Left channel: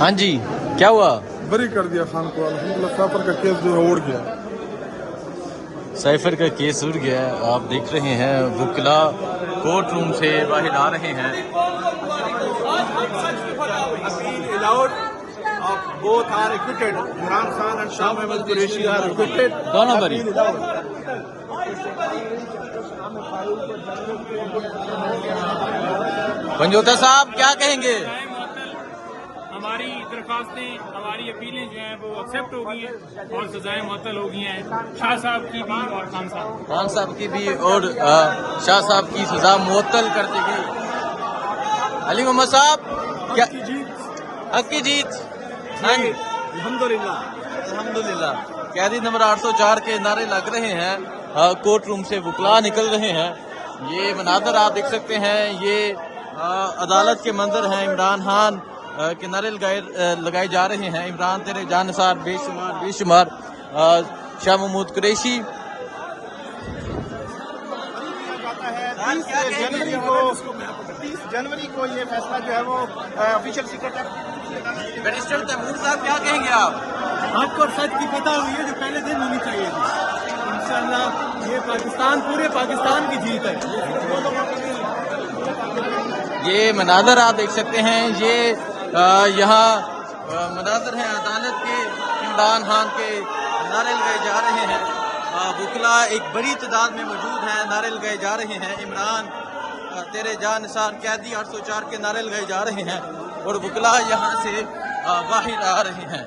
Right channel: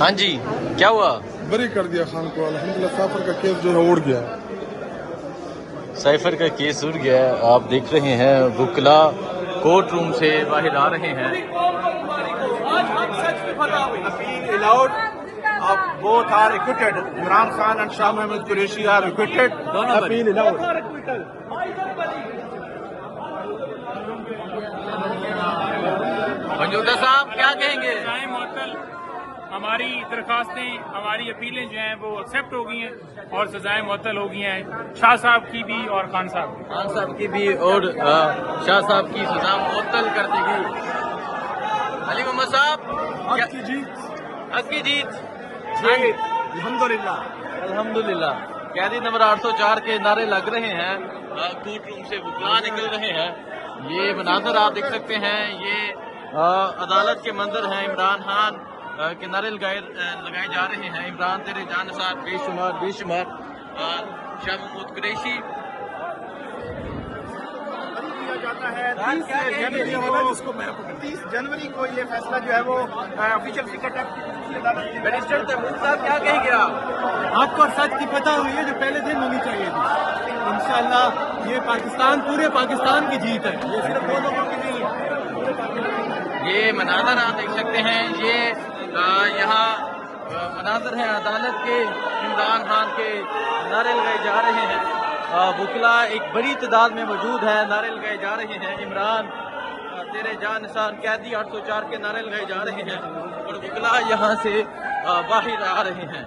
ہاں جی کیا ہوا؟ بری کر دیا خان کو الحمدللہ. سافر کا کیس جو ہے اڑ گیا. سائفر کا کیس اڑ گیا ہے. آپ دیکھ رہے ہیں وکلا کورٹ روم سے باہر آ رہے ہیں. Both are acquitted. Imran Khan and Shah Mahmood Qureshi are acquitted. دونوں بری. پنجوتا صاحب کیا کہیں گے؟ ہماری درخواستیں ہماری اپیلیں جو ہیں وہ ایکسیپٹ ہو گئی ہیں اور سزائیں معطل ہو گئی ہیں شاہ صاحب کی بھی اور خان صاحب کی بھی اور شاہ صاحب کی سزا معطل کر دی گئی. علی محمد صاحب حق کی جیت. الحمدللہ. قیدی نمبر 804 کے نعرے لگ رہے ہیں. کورٹ روم سے وکلا نکل رہے ہیں. یہ مناظر آپ دیکھ سکتے ہیں. یہ عدالت کے منظر ہیں. عمران خان کے نعرے لگائے جا رہے ہیں. عمران تیرے جان نثار بے شمار بے شمار. شاہ محمود قریشی جنوری کو یہ فیصلہ جو ہے وہ آفیشیل سیکرٹ بیرسٹر تیمور صاحب کیا کہیں گے آپ کو سچ کی فتح ہوئی ہے جو پہلے دن ہونی چاہیے تھی. انشاءاللہ یہ پاکستان پورے پاکستان کی جیت ہے. یہ مناظر آپ دیکھ سکتے ہیں. یہ یہاں مناظر ہیں عدالت کے. عمران خان کے نعرے لگائے جا رہے ہیں. وکلا ایک بڑی تعداد میں موجود ہیں. نعرے لگائے جا رہے ہیں. عمران تیرے جان نثار قیدی 804 کے نعرے لگائے جا رہے ہیں اور وکلا یہاں سے باہر آ رہے ہیں.